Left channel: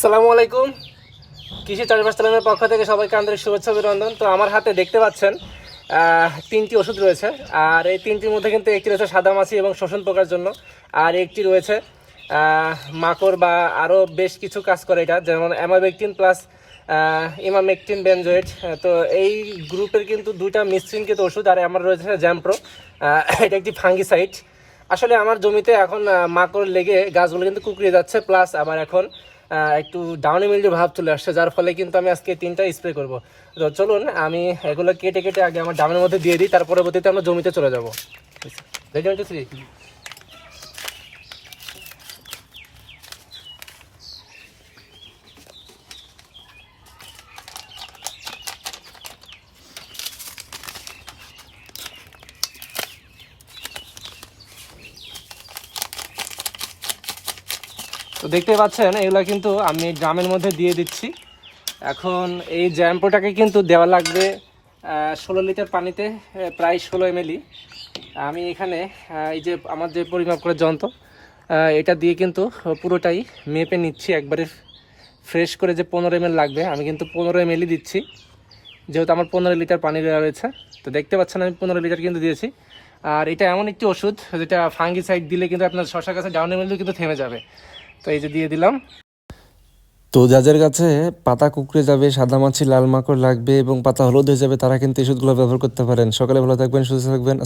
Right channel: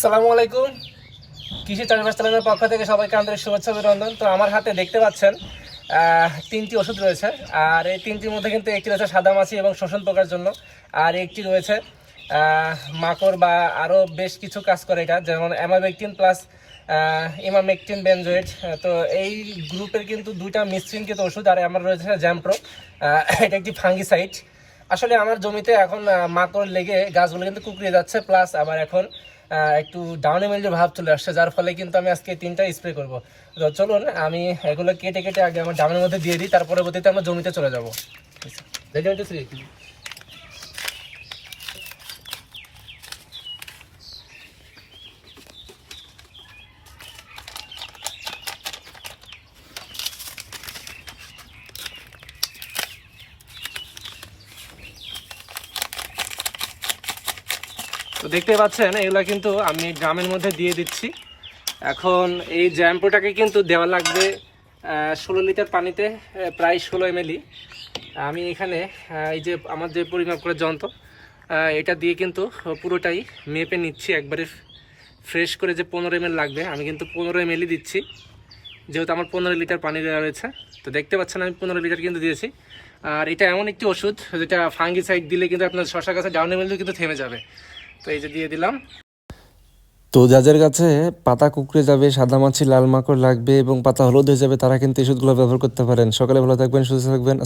সালামু আলাইকুম। কৃষি চাষবাস তালামের পক্ষ থেকে সবাইকে আন্তরিক শুভেচ্ছা অভিনন্দন। তো আমার হাতে দেখতে পাচ্ছেন তিনটি ওষুধ রয়েছে। আর এই তিনটির মধ্যে কিন্তু একটি রয়েছে সাদা মাছি এবং শোষণ পোকার জন্য। আর একটি রয়েছে মাকড় বা আরও বেশ কিছু কাজ করে এটা, যেমন অ্যামাবেকটিন প্লাস ইমামেকটিন বেনজয়েড তো এই গ্রুপের কিন্তু দুইটা মিশ্রিত ওষুধ, আর আমার রয়েছে জ্যাম্প্রো। এটা একটি ফাঙ্গিসাইড। আসলে আমার জমিতে এখন মাকড় লেগে গাছগুলো কিন্তু কুকড়িয়ে যাচ্ছে, প্লাস আবার এখন একটু ডাউনে মিল্ডি ভাব চলে আসছে, যার ফলে কিন্তু আমি আজকে তিনটা স্প্রে করব। তো চলুন, আমি এগুলো কেটে কেটে আগে আমার ডাউনের মধ্যে দিয়ে দিই, তার পরবর্তীতে আমরা জমিতে চলে যাব। রেডি তো দেখতে পাচ্ছেন, এগুলো কিন্তু আমি ড্রামের মধ্যে দিয়ে দিচ্ছি। এখন এই জ্যাম্পোটাকে কিন্তু দেওয়া লাগবে ষোলো লিটার পানিতে প্রায় ষোলো এমএলই আমি এখানে এই যে আমার যে পরিমাপ করার যন্ত্র এটা দিয়ে কিন্তু পুরোটাই মেপে নিচ্ছি, একবারে ফ্রেশ করে যে পনেরো এমএল লাগবে, আমি কিন্তু পনেরো এমএলই দিচ্ছি। যেহেতু আমার পনেরো লিটার পানি দেওয়া রয়েছে তো দেখতে পাচ্ছেন আমি পনেরো লিটার কিন্তু দিয়েছি। আর এটা এমন একটি ওষুধ, যেটা ফাঙ্গিসাইড দিলে কিন্তু আপনার শশা গাছে ডাউন এমএলও কিন্তু থেমে যাবে। তো এই যে দিয়ে দিলাম। তো যাদের কাছে পাতা কুকড়ে যাবে, সাদা মাছি, লাল মাকড় লাগবে এবং পাতা হলুদ হয়ে যাবে, তারা কিন্তু এই ওষুধগুলো ব্যবহার করতে পারেন। সকালে ভালো থাকবেন, সুস্থ থাকবেন।